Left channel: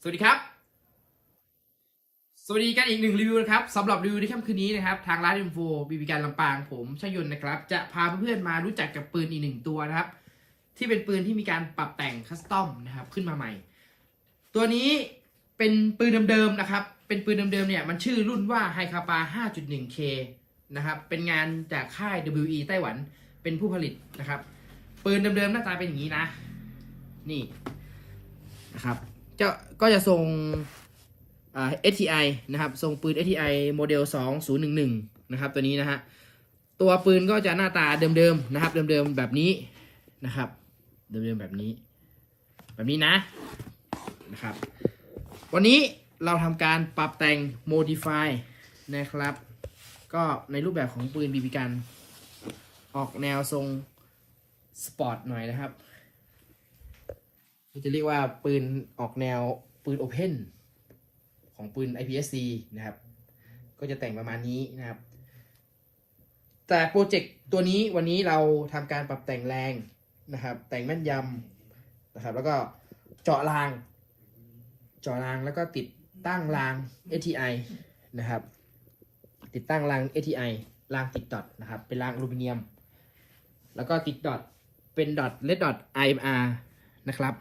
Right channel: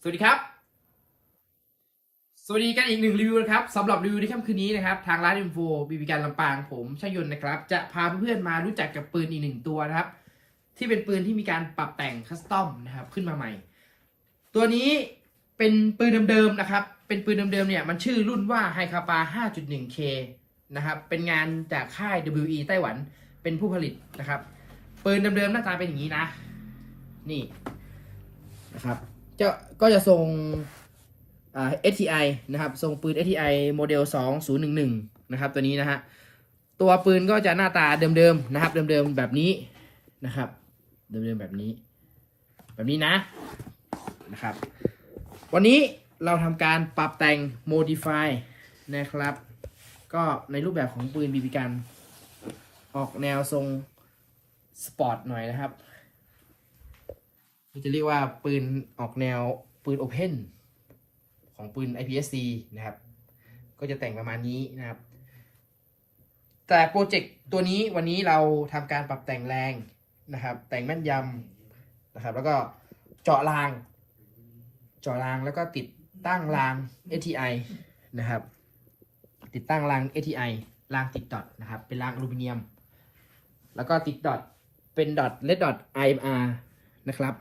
สวัสดีครับ สวัสดีกันอีกหนึ่งรีวิวนะครับสำหรับรีวิวในค่ำคืนนี้นะครับ ทางร้านอินโฟบีบีการลำปางผมชยนต์นะครับ จะพาเพื่อนๆมารู้จักกับปืนอีกหนึ่งตัวนะครับ ที่เป็นปืนที่มีการปรับแต่งคัสตอมนะครับขึ้นมาใหม่ ตัวนี้เป็นปืนเดิมๆนะครับ เป็นปืนเดิมๆเนี่ยมันชื่อรุ่นว่าไฮคาปา 5.1K นะครับเป็นงานจากค่าย WE ไต้หวันเป็นผู้ผลิตนะครับปืนเดิมๆหน้าตาเป็นอย่างนี้นะ นี่นะครับ จะก็จะทรงอ่า STI นะครับทรงปืน STI โมเดล 2011 นะครับ ตัวนี้นะฮะตัวปืนก็จะหน้าตาเดิมๆนะครับ เดิมๆแบบนี้นะครับ เดิมๆแบบนี้ แบบนี้นะนะครับ วันนี้เราทำการปรับแต่ง modify นะครับ ก็ในรูปแบบของปืนบีบีกัน ออกแนวทรงสปอร์ตหน่อยนะครับ จะเรียกว่าปืนออกแนวปืนโอเพนของปืน IPSC นะครับ ก็จะแต่งประมาณนี้นะครับ แต่โปรเจกต์ตัวนี้วันนี้เราทำการปรับแต่งแรงนะครับ แต่งแม่นยำนะครับ แล้วก็เจาะราง เจาะรางแล้วก็ติดตั้งราง ATI นะครับ ติดตั้งราง ATI รางติดดอทนะครับ เป็นรางอลูมิเนียม แล้วก็ติดดอทเป็นดอทเลดดอท IMR นะครับ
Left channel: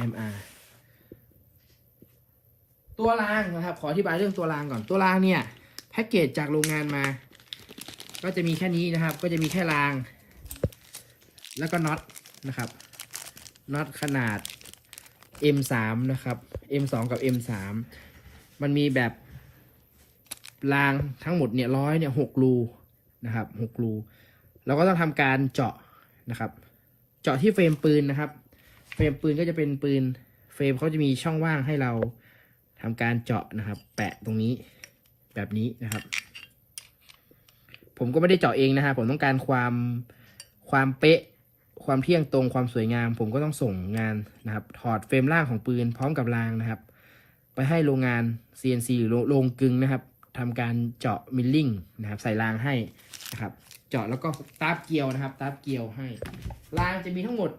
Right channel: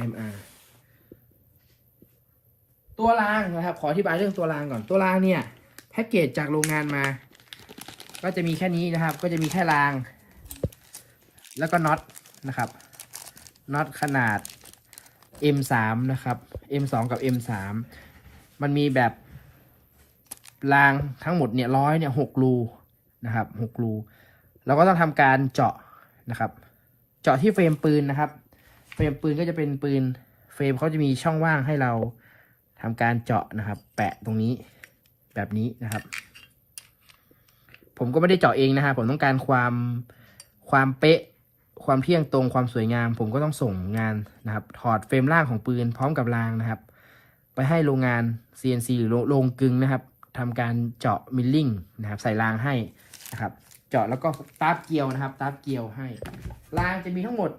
IMR ตัวรางนะครับ ขออธิบายเรื่องตัวรางก่อน ตัวรางเนี่ยแพ็กเกจจากโรงงานมา ก็จะมีแค่นี้นะครับ ก็จะมีแค่ราง แล้วก็น็อตนะครับ น็อตขนาด M3 นะครับ M2 กับ M3 มันมีแบบรางทั้งหมดเนี่ยร้อยเนี่ยหกรูนะครับหกรู เราก็ต้องทำการเจาะนะครับ เจาะที่เฟรมปืนนะครับ เฟรมปืนก็จะเป็นปืน เฟรมเขาจะมีช่องว่างให้เราทำการเจาะนะครับ แปะตรงนี้แบบนี้นะครับ ผมก็ไม่ได้เจาะเองนะครับผมต้องการความความเป๊ะ ความเที่ยงตรงความสวยงาม ผมก็ต้องส่งงานนะครับ ถอดเฟรมล่างของปืนพร้อมกับรางนะครับ ไปให้โรงงาน CNC หรือโรงโรงกึงนะครับทำการเจาะมิลลิ่งนะครับ ใส่รางให้นะครับ เจาะแล้วก็ตาบเกลียวนะครับตาบเกลียวให้รางจะมีทั้งหมด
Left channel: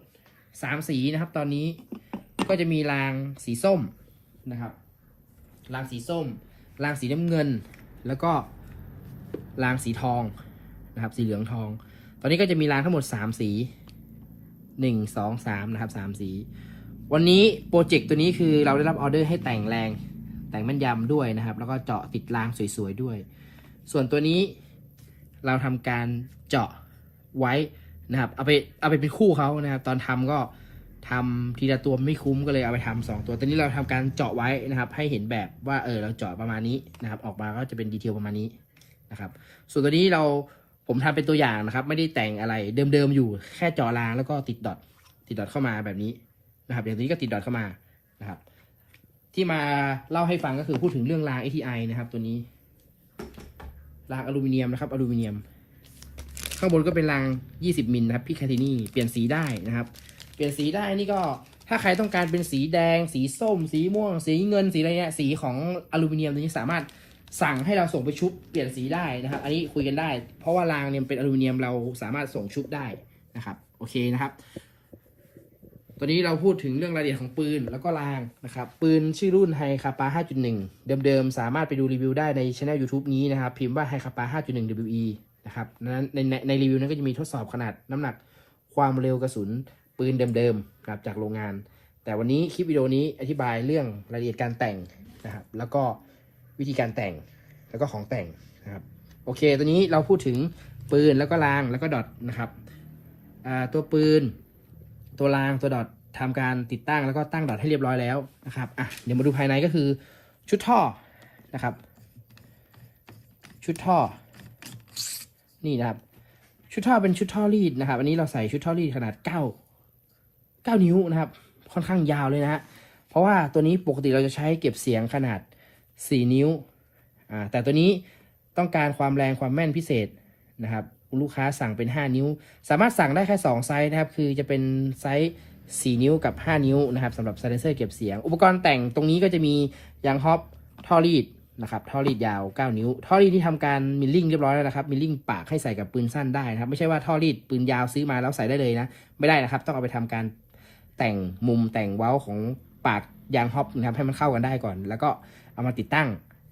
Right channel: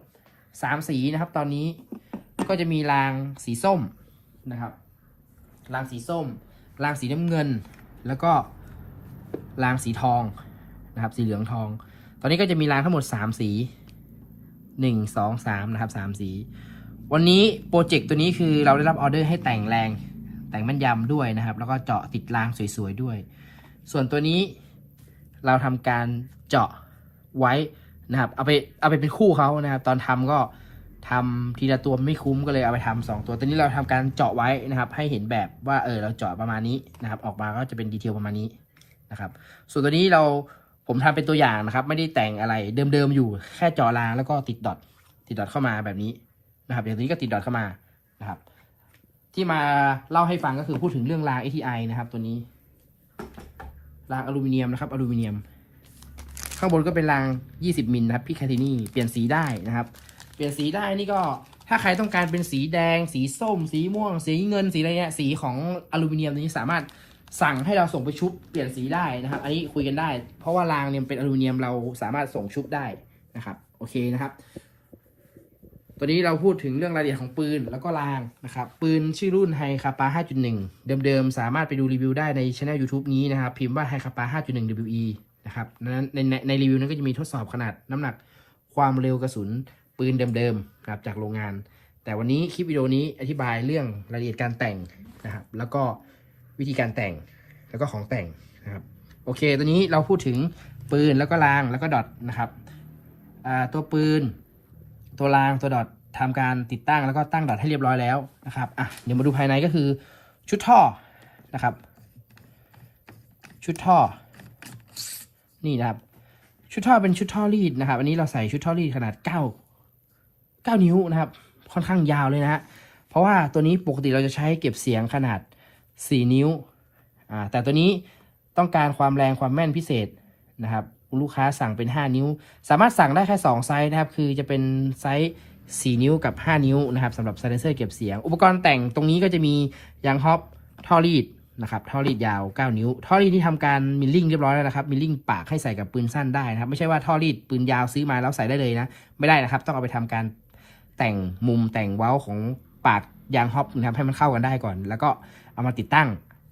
สามสีนะครับ ตอนนี้ก็จะมีรางสีส้มนะครับ รางสีส้ม รางสีน้ำเงิน แล้วก็รางสีทองนะครับ สีเหลืองทอง ตอนนี้ก็จะมีรางทั้งหมดสามสีหนึ่งสองสามนะครับสามสี วันนี้โปรเจกต์ตัวนี้คือเราได้รับออเดอร์ให้แต่งแรง แต่งแม่นยำด้วยนะครับ แล้วก็เจาะติดรางสวยๆด้วย ส่วนตัวนี้เราทำการเจาะไว้ นะครับ เอาไปเอาไปเป็นคู่เขานะครับ ตอนทำก็ทำทีละตัวไม่คุ้มก็เลยเอาไปทำสองตัว ตอนนี้เราทำการเจาะไว้นะครับ ให้เห็นแบบว่าเออเราเจาะประมาณนี้นะครับ ออกมาก็จะเป็นดีเทลประมาณนี้นะครับ ส่วนตัวนี้เราผมทำเป็นตัวอย่างนะครับ ไม่ได้แต่งอะไรเดิมๆอยู่แค่เจาะรางแล้วก็ติดดอทติดดอทเข้ามาแบบนี้นะครับอย่างนี้ก็ติดดอทเข้ามานะครับ ที่มาเล่าให้ฟังก็คือพูดถึงเรื่องราง ATI นะครับ ตัวนี้รางอลูมิเนียมนะครับอลูมิเนียม ข้างบนก็เป็นราง 20มิลนะครับพิคาทินี่เปลี่ยนสีได้นะครับ เปลี่ยนสีได้นี่ก็ถ้าใครต้องการเป็นสีแดง สีส้ม สีม่วง สีเงินสีอะไรเงี้ยสีของอลูมิเนียมนี้สามารถสั่งให้เราส่งไปชุบเปลี่ยนสีได้นะครับ อันนี้คุยกันได้ เพราะว่ารางเนี่ยเป็นอลูมิเนียมเราสามารถส่งชุบได้นะครับ โอเคนะครับ วนี้เราพูดถึงเรื่องรายละเอียดของปืนแล้วก็รางนะครับ ปืนชื่อรุ่นไฮคาปา5.1 เดิมๆ สามารถไปดูรีวิวได้ในช anel YouTube นี้นะครับ พิมพ์ว่าไฮคาปา5.1 WE นะครับนั้นในในในรีวิวนั้นก็จะมีทดสอบขนาดน้ำหนักความเร็วกระสุนปืนเดิมๆครับจากโรงงาน แต่วันนี้คลิปวิดีโอนี้อธิบายเรื่องรายละเอียดการแต่งนะครับแล้วก็วิธีการแต่งแล้วก็ของแต่งนะครับโอเค ตัวนี้เราพูดถึงปืนแล้วก็รางแล้วก็ดอทนะครับตัวปืน ตัวรางตัวดอททำการติดตั้งแล้วก็ตั้งดอทให้เรียบร้อยแล้วนะครับอะเดี๋ยวมาดูภายในก็คือชุดท่อนะครับ ชุดท่อ นี่นะครับ ชุดท่อเป็นชุดท่อรีดนะครับ อันนี้เราใส่ชุดท่อรีดขนาดเก้าเก้านิ้วนะครับ ค่อนข้างยาวเลยนะฮะเพราะว่าตัวนี้ปกติเราจะใช้เก็บเสียงขนาดสี่นิ้วอ่าแต่ตัวนี้ต้องการความแรงความแม่นพิเศษนะครับ ลูกค้าสั่งเป็น 5 นิ้ว สามารถสั่งได้แค่2ไซส์นะครับ คือจะเป็นไซส์4 นิ้วกับ 5 นิ้วนะครับสำหรับไซเลนเซอร์เก็บเสียง อุปกรณ์แต่งตรงนี้ก็จะมียางฮอปท่อรีดนะครับท่อรีดยาว 9 นิ้ว ท่อรีดที่ทำการมิลลิ่งเรียบร้อยแล้วนะครับ มิลลิ่งปากให้ใส่กับปืนสั้นได้นะครับ ไม่ใช่ว่าท่อรีดปืนยาวซื้อมาแล้วใส่ได้เลยนะ ไม่ได้นะครับ ต้องเอาไปทำการแต่งมุมแต่งเว้าของปากยางฮอปนะครับให้มันเข้ากันได้ก่อน แล้วก็เอามาติดตั้ง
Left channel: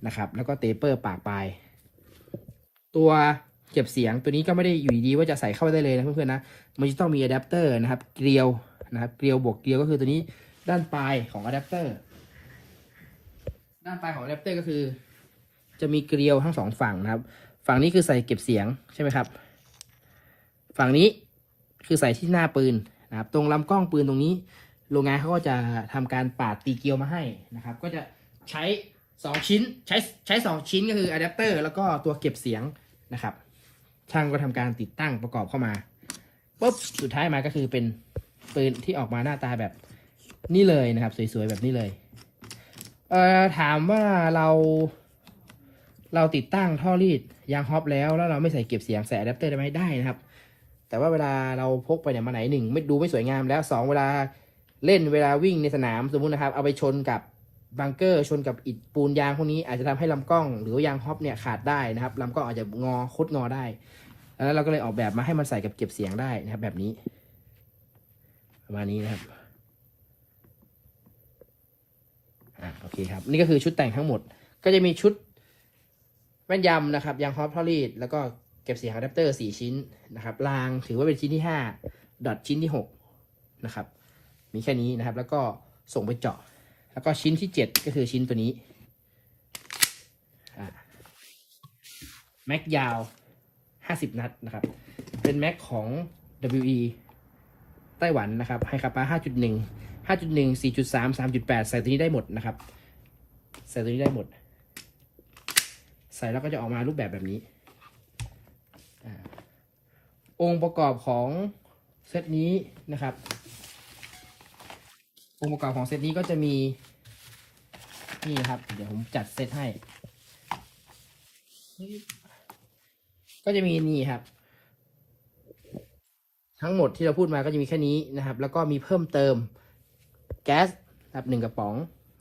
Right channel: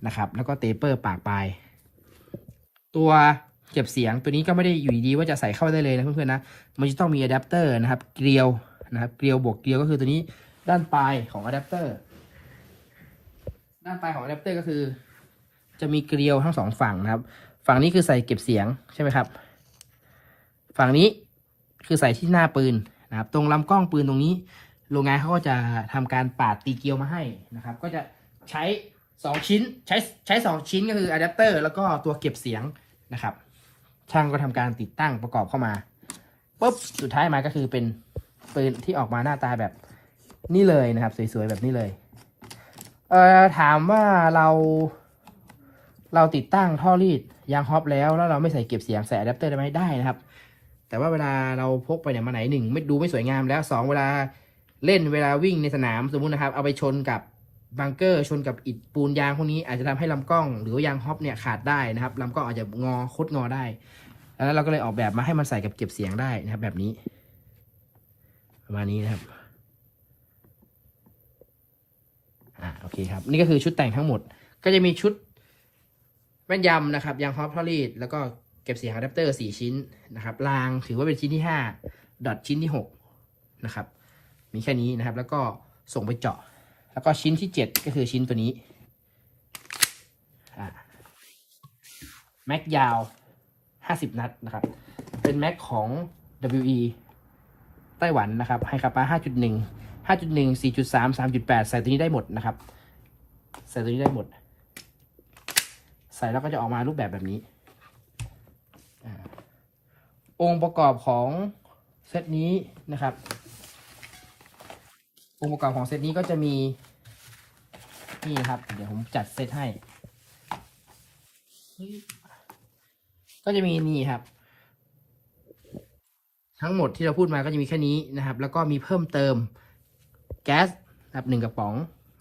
นะครับ แล้วก็เตเปอร์ปากปลายตัว เก็บเสียงตัวนี้ก็ไม่ได้อยู่ดีว่าจะใส่เข้าได้เลยนะเพื่อนๆนะมันจะต้องมีอะแดปเตอร์นะครับเกลียวนะครับเกลียวบวกเกลียวก็คือตัวนี้ด้านปลายของอะแดปเตอร์ด้านปลายของอะแดปเตอร์ก็คือ จะมีเกลียวทั้งสองฝั่งนะครับ ฝั่งนี้คือใส่เก็บเสียงใช่ไหมครับ ฝั่งนี้คือใส่ที่หน้าปืนนะครับ ตรงลำกล้องปืนตรงนี้โรงงานเขาก็จะทำการปาดตีเกลียวมาให้นะครับ ก็จะใช้สองชิ้นใช้ใช้สองชิ้นก็คืออะแดปเตอร์แล้วก็ตัวเก็บเสียงนะครับ ช่างก็ทำการติดตั้งประกอบเข้ามาปุ๊บสุดท้ายมาก็คือเป็นปืนที่ออกมาหน้าตาแบบนี่เลยนะครับ สวยๆแบบนี้เลยเอ่อถามว่าเรา เราติดตั้งท่อรีดยางฮอปแล้วแล้วเราไม่ใส่เก็บเสียงใส่อะแดปเตอร์ได้ไหมได้นะครับ แต่ว่าเวลาเราพกไปไหนมาไหนหนึ่งไม่ดูไม่สวยงามแล้วสองเวลาเล่นเวลาวิ่งในสนามสมมุตินะครับ เอาไปชนกับ บังเกอร์ชนกับอิฐปูนยางพวกนี้อาจจะทำให้ลำกล้อง หรือยางฮอปเนี่ยขาดได้นะครับลำกล้องอาจจะงอคดงอได้ แล้วเราก็เลยออกแบบมาให้มันใส่กับเก็บเสียงได้นะครับแบบนี้ประมาณนี้นะครับอ่าโอเคครับ นี่ก็คือชุดแต่งทั้งหมด ก็จะมีชุดแว่นยำนะครับยางฮอปทอรีดแล้วก็เก็บเสียงอะแดปเตอร์สี่ชิ้นนะครับรางถือว่าเป็นชิ้นที่ห้าดอทชิ้นที่หกนะครับมีแค่นี้นะครับ แล้วก็ส่งไปเจาะ แล้วก็ชิ้นที่เจ็ดก็คือชิ้นตัวนี้แม็กยาว 50 นัดนะครับ เป็นแม็กของ WE ไต้หวันนะครับไฮคาปา5.1 5.1 4.3 3.8 ใส่ตัวนี้ได้หมดนะครับ ใส่ตัวนี้ได้หมด ใส่แล้วก็จะออกมารูปแบบแบบนี้อ่าองค์ประกอบของเซตนี้นะครับ องค์ประกอบของเซตนี้ก็จะมี นี่ครับ เดี๋ยวผมจัดเซตให้ ก็จะมีนี่ครับ ทั้งหมดที่เราพูดมาก็จะมีแค่นี้นะครับ แล้วก็มีเพิ่มเติมแก๊สนะครับหนึ่งกระป๋อง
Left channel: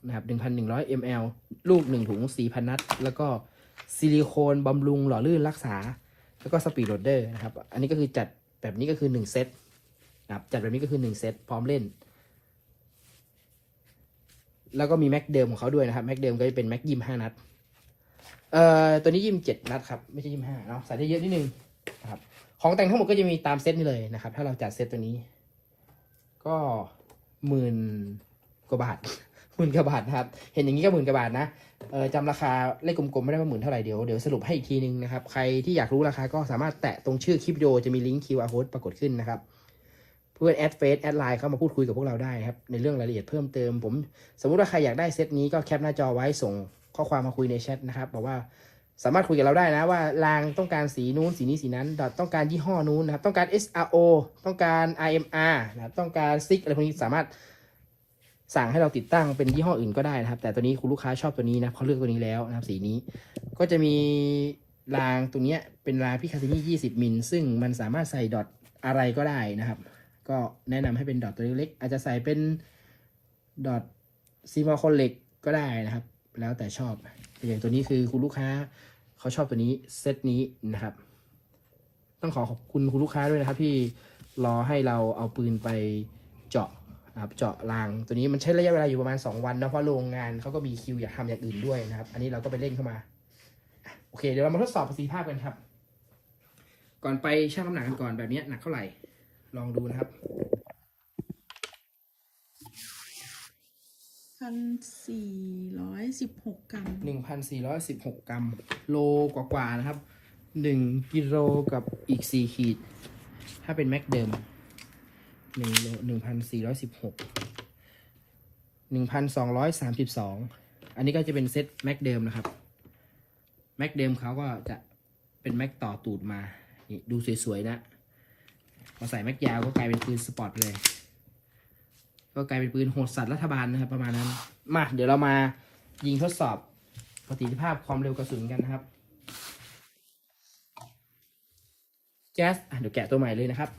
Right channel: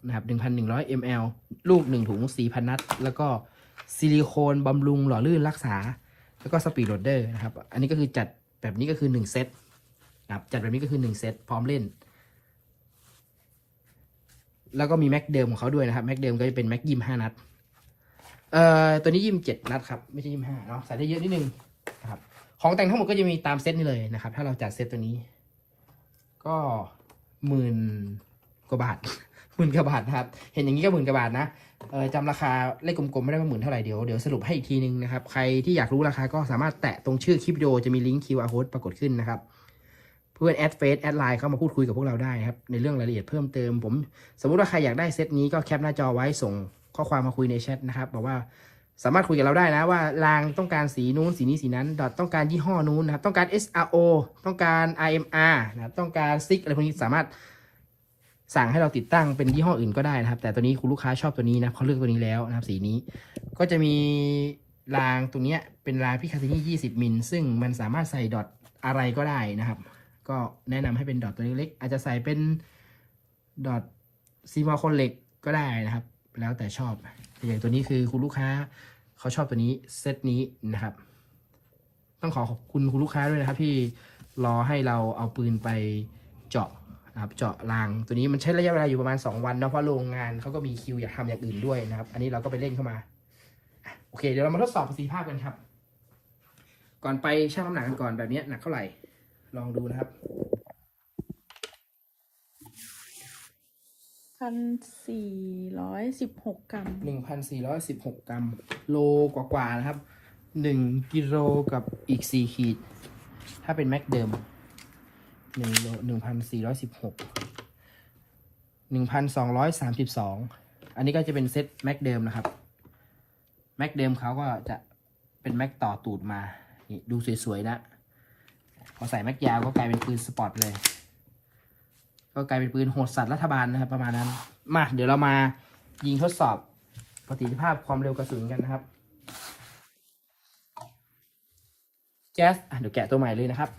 นะครับหนึ่งพันหนึ่งร้อยมลลูกหนึ่งถุงสี่พันนัด แล้วก็ซิลิโคนบำรุงหล่อลื่นรักษา แล้วก็สปีดโรดเดอร์นะครับ อันนี้ก็คือจัดแบบนี้ก็คือหนึ่งเซตนะครับจัดแบบนี้ก็คือหนึ่งเซตพร้อมเล่น แล้วก็มีแม็กเดิมของเขาด้วยนะครับ แม็กเดิมก็จะเป็นแม็กยิมห้านัด เอ่อ ตัวนี้ยิมเจ็ดนัดครับ ไม่ใช่ยิมห้าเนาะ ใส่ได้เยอะนิดนึงนะครับ ของแต่งทั้งหมดก็จะมีตามเซตนี้เลยนะครับ ถ้าเราจัดเซตตัวนี้ ก็หมื่นกว่าบาทหมื่นกว่าบาทนะครับ เห็นอย่างนี้ก็หมื่นกว่าบาทนะ เออจำราคาเลขกลมๆไม่ได้ว่าหมื่นเท่าไหร่เดี๋ยวเดี๋ยวสรุปให้อีกทีนึงนะครับ ใครที่อยากรู้ราคาก็สามารถแตะตรงชื่อคลิปวิดีโอจะมีลิงก์ QR code ปรากฏขึ้นนะครับ เพื่อนแอดเฟซแอดไลน์เข้ามาพูดคุยกับพวกเราได้ครับ ในเรื่องรายละเอียดเพิ่มเติมผม สมมุติว่าใครอยากได้เซตนี้ก็แคปหน้าจอไว้ส่งข้อความมาคุยในแชทนะครับบอกว่าสามารถคุยกับเราได้นะว่ารางต้องการสีนู้นสีนี้สีนั้นดอทต้องการยี่ห้อนู้นนะครับต้องการ SRO ต้องการ IMR นะครับต้องการซิกอะไรพวกนี้สามารถสั่งให้เราติดตั้งเป็นยี่ห้ออื่นก็ได้นะครับ แต่ตัวนี้คุณลูกค้าชอบตัวนี้นะเขาเลือกตัวนี้แล้วนะครับสีนี้ ก็จะมีรางตัวเนี้ยเป็นรางพิคาตินี่20 มิลซึ่งมันสามารถใส่ดอทอะไรก็ได้นะครับ ก็แนะนำให้เป็นดอทตัวเล็กๆอาจจะใส่เป็นดอทซีมอลคอนเล็กก็ได้นะครับ แล้วแต่ชอบ อย่างตัวนี้คือคุณลูกค้าเขาชอบตัวนี้เซตนี้นะครับ ต้องขอขอบคุณคุณลูกค้าด้วยนะครับที่รอให้เราเอาปืนไปเจาะนะครับเจาะรางตัวนี้มันใช้ระยะเวลาอยู่ประมาณ 2 วันเนะเพราะโรงงานเขาก็มีคิวอยากทำอย่างอื่นด้วยนะครับ อันนี้เราก็ไปเล่นเข้ามา โอเค เดี๋ยวเรามาทดสอบประสิทธิภาพกันครับ ก่อนไปชั่งน้ำหนักกันก่อนแบบนี้หนักเท่าไหร่ ลองดูนะครับพันสี่ร้อยสิบหกกรัมหนึ่งพันสี่ร้อยสิบหกกรัม โลกว่าๆนะครับหนึ่งกิโลกับอีกสี่ขีด ถ้าเป็นแม็กเดิมหนึ่งโลหนึ่งพันสี่ร้อยสิบหกหนึ่งพันสองร้อยสามสิบสองอันนี้ก็จะเป็นเซตแม็กเดิมนะครับ แม็กเดิมเขาก็จะเป็นแม็กต่อตูดมา นี่ดูสวยๆนะ พอใส่แม็กยาวก็กลายเป็นปืนสปอร์ตเลย ก็กลายเป็นปืนโหดสัตว์รัฐบาลนะครับ ประมาณนั้น มาเดี๋ยวเรามายิงทดสอบประสิทธิภาพความเร็วกระสุนกันนะครับแจ๊สอะเดี๋ยวแกะตัวใหม่เลยนะครับ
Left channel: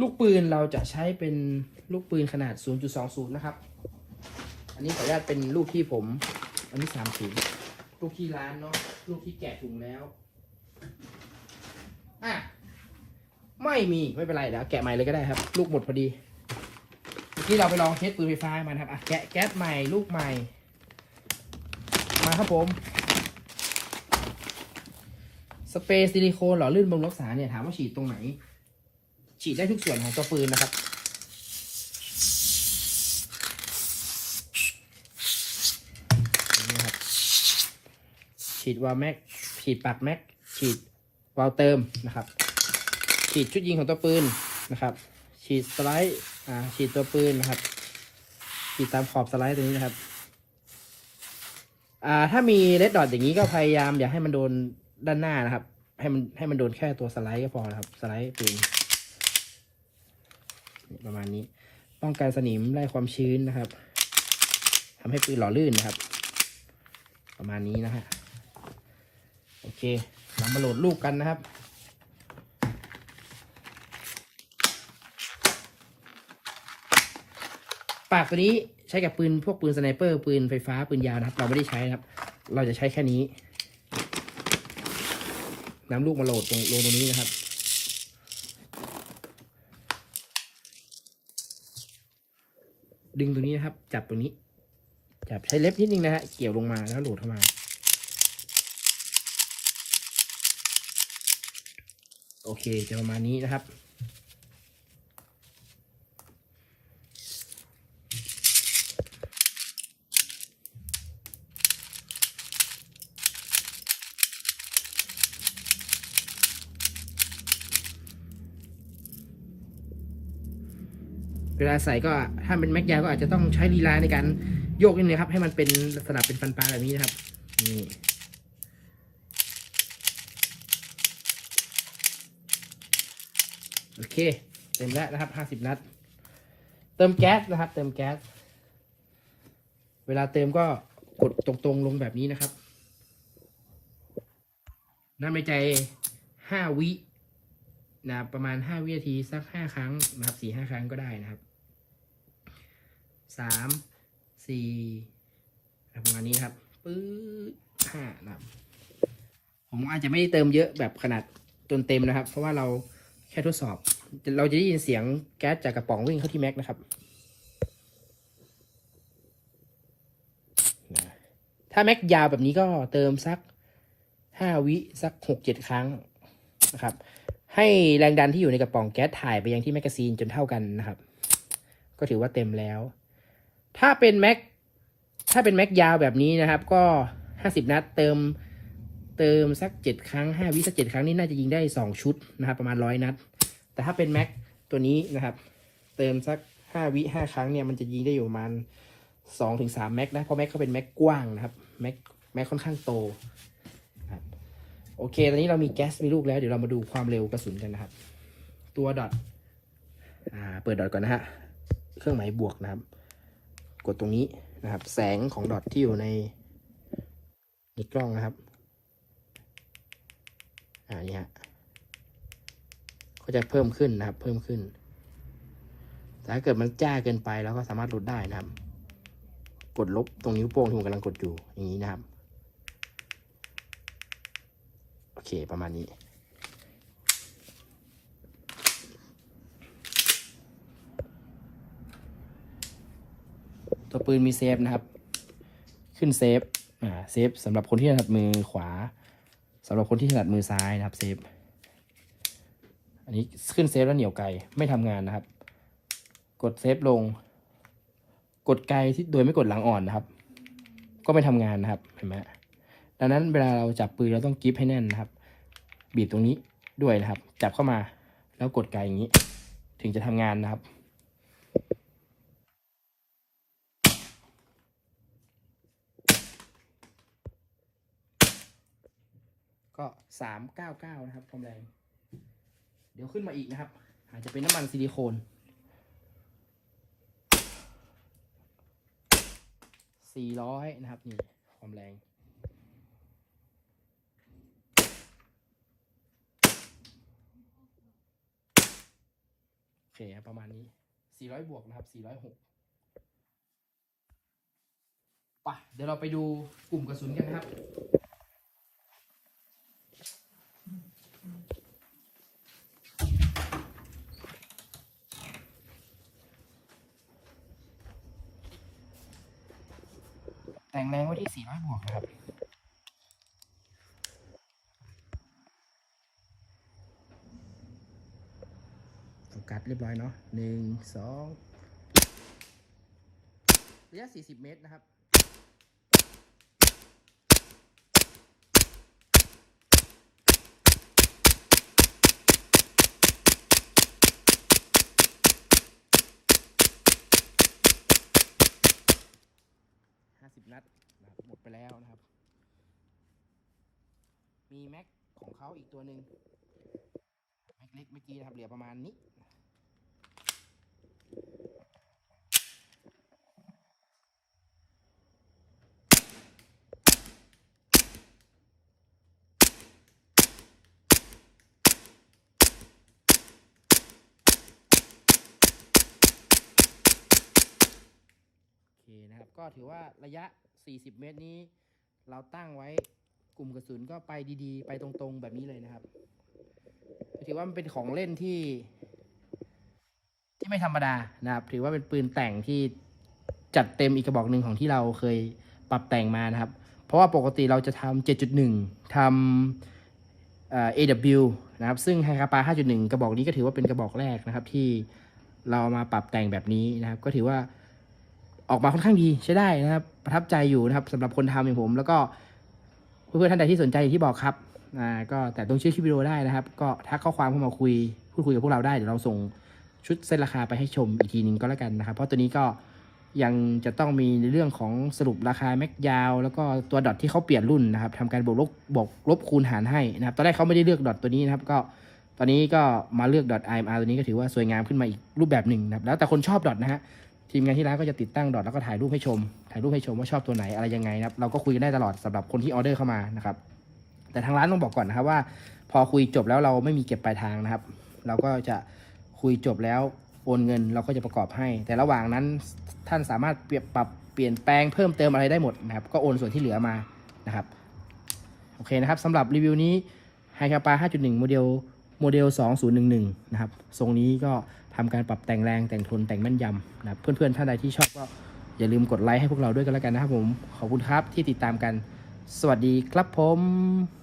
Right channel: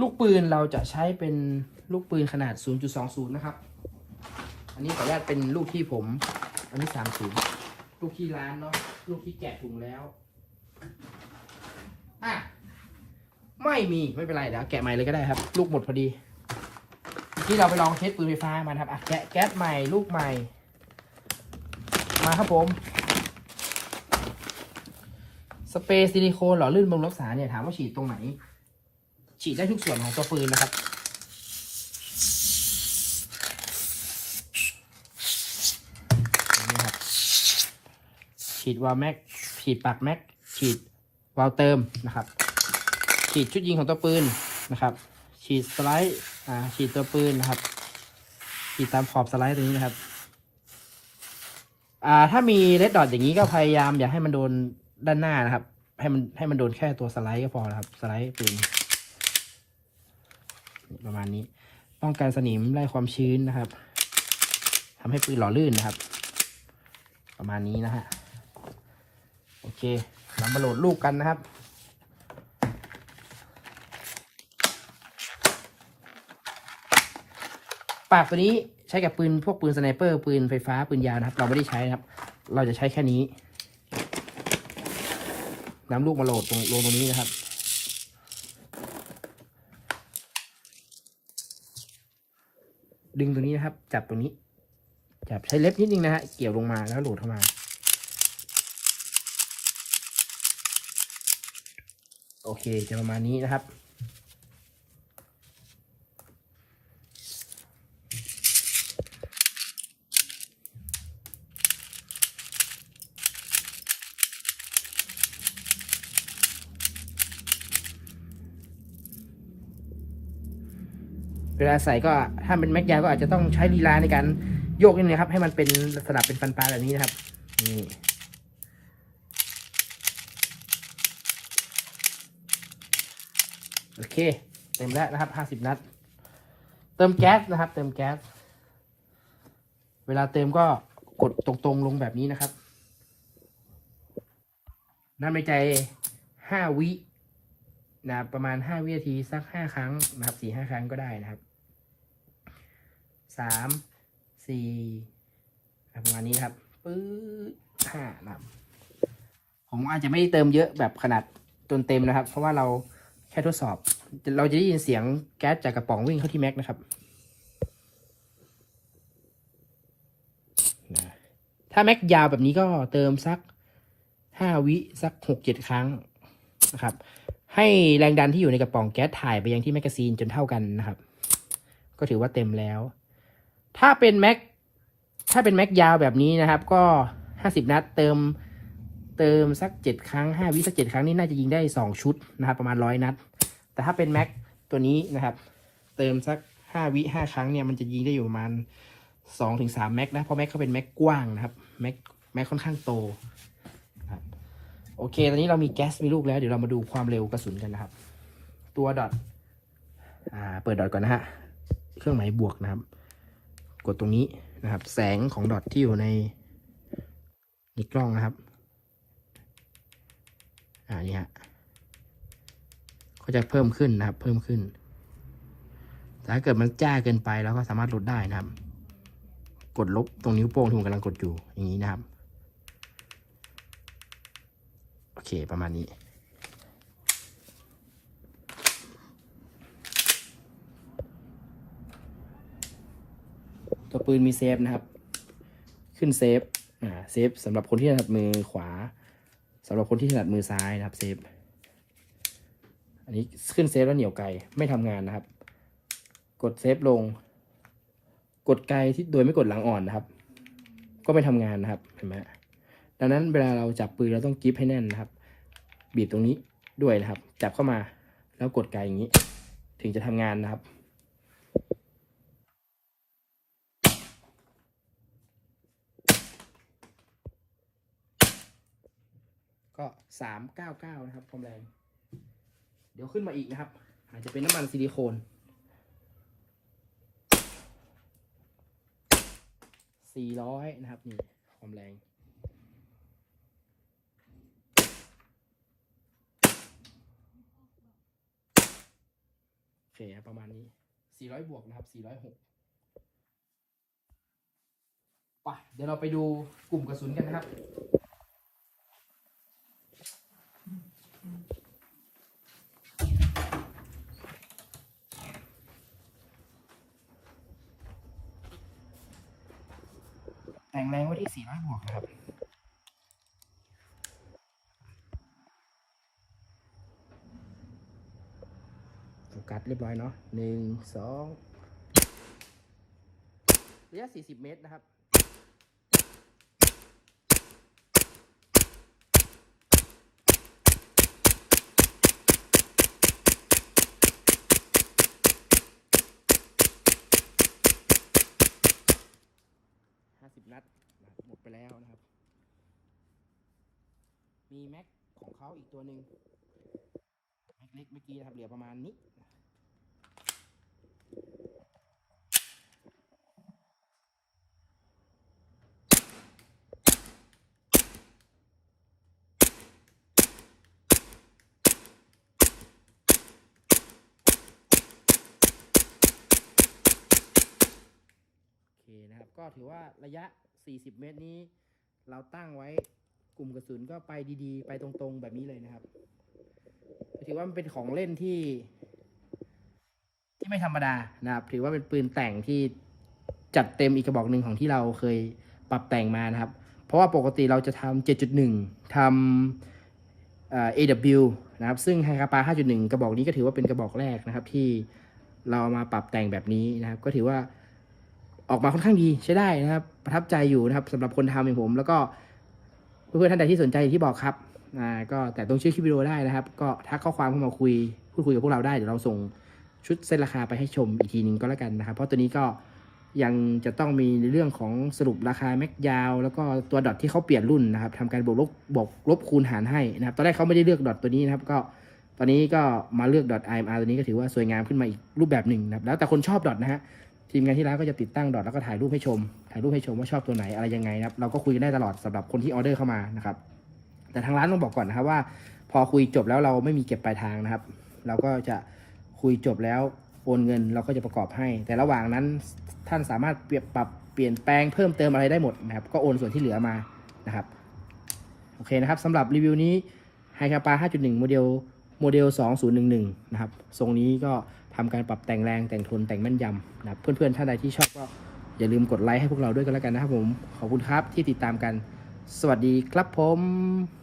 ลูกปืนเราจะใช้เป็นลูกปืนขนาด 0.20 นะครับ อันนี้ขออนุญาตเป็นลูกที่ผม อันนี้ 30 ลูกที่ร้านเนาะ ลูกที่แกะถุงแล้ว อะ ไม่มีไม่เป็นไรเดี๋ยวแกะใหม่เลยก็ได้ครับ ลูกหมดพอดีที่เราไปลองเทสปืนไฟฟ้ามานครับอะแกะแก๊สใหม่ลูกใหม่ มาครับผม สเปรย์ซิลิโคนหล่อลื่นบำรุงรักษาเนี่ยถามว่าฉีดตรงไหน ฉีดได้ทุกส่วนของตัวปืนนะครับฉีดวาลแม็ก ฉีดปากแม็ก ฉีดวาลเติมนะครับ ฉีดชุดยิงของตัวปืนนะครับ ฉีดสไลด์อ่าฉีดตัวปืนนะครับ ฉีดตามขอบสไลด์ตรงนี้นะครับอ่าถ้ามีเลดดอทอย่างนี้ก็พยายามอย่าให้มันโดนด้านหน้านะครับ ให้มันให้มันโดนแค่ตัวสไลด์ก็พอนะครับ สไลด์ปืนประมาณนี้ป้องกันสนิมไล่ความชื้นนะครับทำให้ปืนหล่อลื่นนะครับ ประมาณนี้นะฮะโอเคเรามาโหลดลูกกันนะครับ ปากตัวนี้ใช้กับปืนพวกปืนสไนเปอร์ปืนไฟฟ้าปืนยาวนะครับ เราไม่ได้ใช้นะครับ เราจะใช้แค่นี้นำลูกมาโหลดตรงลงตรงนี้นะครับ ดึงตรงนี้นะครับ จับตรงนี้ จับใช้เล็บนิดนึงนะฮะเกี่ยวลงมาแล้วโหลดเข้ามา โอเคจะประมาณนี้นะครับ เวลาใส่ก็ถ้าเป็นแม็กยาวก็อาจจะต้องใช้ลีลาในการโยกนิดนึงครับ ให้มันเป็นสลับเป็นฟันปลาแบบนี้นะครับนี่โอเค เต็มแล้วนะครับห้าสิบนัด เติมแก๊สนะครับ เติมแก๊ส เวลาเติมก็กดตรงๆลงแบบนี้นะครับน้ำในใจห้าวินะประมาณห้าวินาทีสักห้าครั้งนะครับสี่ห้าครั้งก็ได้นะครับ สามสี่ประมาณนี้ครับปื๊ดห้านะครับ ผมอาจจะไม่ได้เติมเยอะแบบขนาดจนเต็มนะครับ เพราะว่าเราแค่ทดสอบ เราจะได้ยินเสียงแก๊สจากกระป๋องวิ่งเข้าที่แม็กนะครับ ถ้าแม็กยาวแบบนี้ก็เติมสักห้าวิสักหกเจ็ดครั้งนะครับ ให้แรงดันที่อยู่ในกระป๋องแก๊สถ่ายไปยังที่แมกกาซีนจนเท่ากันนะครับ ก็ถือว่าเต็มแล้ว ถ้าเป็นแม็กถ้าเป็นแม็กยาวแบบนี้นะครับ ก็ห้าสิบนัดเติมเติมสักเจ็ดครั้งห้าวิสักเจ็ดครั้งนี่น่าจะยิงได้สองชุดนะครับ ประมาณร้อยนัด แต่ถ้าเป็นแม็กตัวนี้นะครับ เติมสักห้าวิห้าครั้งเนี่ยมันจะยิงได้อยู่ประมาณสองถึงสามแม็กนะ เพราะแม็กก็เป็นแม็กกว้างนะครับแม็กแม็กค่อนข้างโตโอเค ตอนนี้เรามีแก๊สมีลูกแล้ว เดี๋ยวเรามาดูความเร็วกระสุนกันนะครับ ตัวดอทอ่าเปิดดอทก่อนนะฮะ เครื่องหมายบวกนะครับ กดตรงนี้นะครับ แสงของดอทที่อยู่ในในกล้องนะครับ อ่านี่ฮะก็จะเพิ่มขึ้นนะครับ เพิ่มขึ้นแต่ถ้าเกิดมันจ้าเกินไปเราก็สามารถลดได้นะครับ กดลบตรงนิ้วโป้งที่ผมกำลังกดอยู่อย่างนี้นะครับ โอเคประมาณนี้ ตัวปืนมีเซฟนะครับ ขึ้นเซฟอ่าเซฟสำหรับคนที่ถนัดมือขวาสำหรับคนที่ถนัดมือซ้ายนะครับเซฟอันนี้ขึ้นเซฟแล้วเหนียวไกลไม่ทำงานนะครับ กดเซฟลง กดไกลที่โดยไม่กดหลังอ่อนนะครับ ก็ไม่ทำงานนะครับเห็นไหมดังนั้นเวลาเราจับปืนเราต้องกริปให้แน่นนะครับ บีบตรงนี้ด้วยนะครับ จับเข้ามาแล้วกดไกลอย่างนี้ ถึงจะทำงานนะครับ ก็สามเก้าเก้านะครับความแรง เดี๋ยวขึ้นมาอีกนะครับ อาจจะเป็นน้ำมันซิลิโคนสี่ร้อยนะครับนี่ความแรงโอเคประมาณนี้400บวกนะครับ406ไปะเดี๋ยวเราไปดูกลุ่มกระสุนกันนะครับ งแรงไว้ที่ 400 บวกนะครับ โฟกัสเรียบร้อยเนาะหนึ่งสองระยะ 40 เมตรนะครับ นัดนะครับหมดไปแล้วนะครับ มีแม็กของเขาอีกตัวหนึ่งแม็กเล็กเมื่อกี้นะครับ เหลือประมาณนี้โอเคนะครับก็ถือว่าระยะ 40 เมตรนี้ เราตั้งไว้กลุ่มกระสุนก็ไปดีๆ ไปตรงๆแบบนี้เลยนะครับ ถือว่ามันเป็นของเล่นที่ ที่ไม่ธรรมดานะครับ ถือว่าเป็นปืนแต่งที่จัดเต็มอีกกระบอกหนึ่งของที่เราเคยปรับแต่งมานะครับ เพราะว่าปกติเราจะทำ7.1ทำเอ่อ AW นะครับ ซึ่งไฮคาปา5.1 กระบอกนี้ก็ถือว่าเป็นกระบอกแรกนะครับที่เราเอามาปรับแต่งแบบนี้นะครับ ก็ถือว่า ออกมาค่อนข้างดีใช้ได้นะครับ ประทับใจอยู่นะครับสำหรับคนทำอย่างผม แล้วก็เพื่อนๆท่านใดที่สนใจอย่างที่บอกครับอ่าก็แต่ต้องชื่อคลิปวิดีโอได้นะครับ ก็ทักข้อความเข้ามาคุยพูดคุยกับพวกเราได้เดี๋ยวเราส่งชุดเส้นราคาไปให้ชมอีกทีหนึงก็แล้วกันนะครับ เพราะตัวนี้ก็ยังจะต้องมีในเรื่องของสรุปราคาแม็กยาว แล้วก็ตัวดอทที่เขาเปลี่ยนรุ่นนะครับทำการบวกลบบวกลบคูณหารให้นะครับ ตอนแรกเขาไม่ได้เลือกดอทตัวนี้นะครับ ก็ตอนนี้ก็มาเลือกดอท IMR ตัวนี้ก็ถือว่าสวยงามขึ้นมาอีกรูปแบบหนึ่งนะครับ แล้วแต่คนชอบดอทนะฮะ ทีมงานที่ร้านก็จะติดตั้งดอทแล้วก็ถ่ายรูปให้ชม ถ่ายรูปให้ชมว่าชอบตัวไหนอะไรยังไงนะครับ เราก็คุยได้ตลอดสำหรับคนที่ออเดอร์เข้ามานะครับ แต่ทางร้านต้องบอกก่อนนะครับว่า พอคุยจบแล้วเราไม่มีเก็บปลายทางนะครับ เราก็จะคุยจบแล้วโอนเงินเราก็จะประกอบให้ แต่ระหว่างนั้นท่านสามารถเปรียบปรับเปลี่ยนแปลงเพิ่มเติมอะไรได้หมดนะครับ ก็โอนส่วนที่เหลือมานะครับ โอเคนะครับสำหรับรีวิวนี้ไฮคาปา5.1 โมเดลโมเดล 2011 นะครับ ทรงนี้ก็ ทำการปรับแต่งแรงแต่งทนแต่งแม่นยำนะครับเพื่อนๆท่านใดที่ชอบก็อย่าลืมกดไลค์ให้พวกเราด้วยกันแล้วกันนะครับผม ขอบคุณครับที่ติดตามกัน สวัสดีครับผม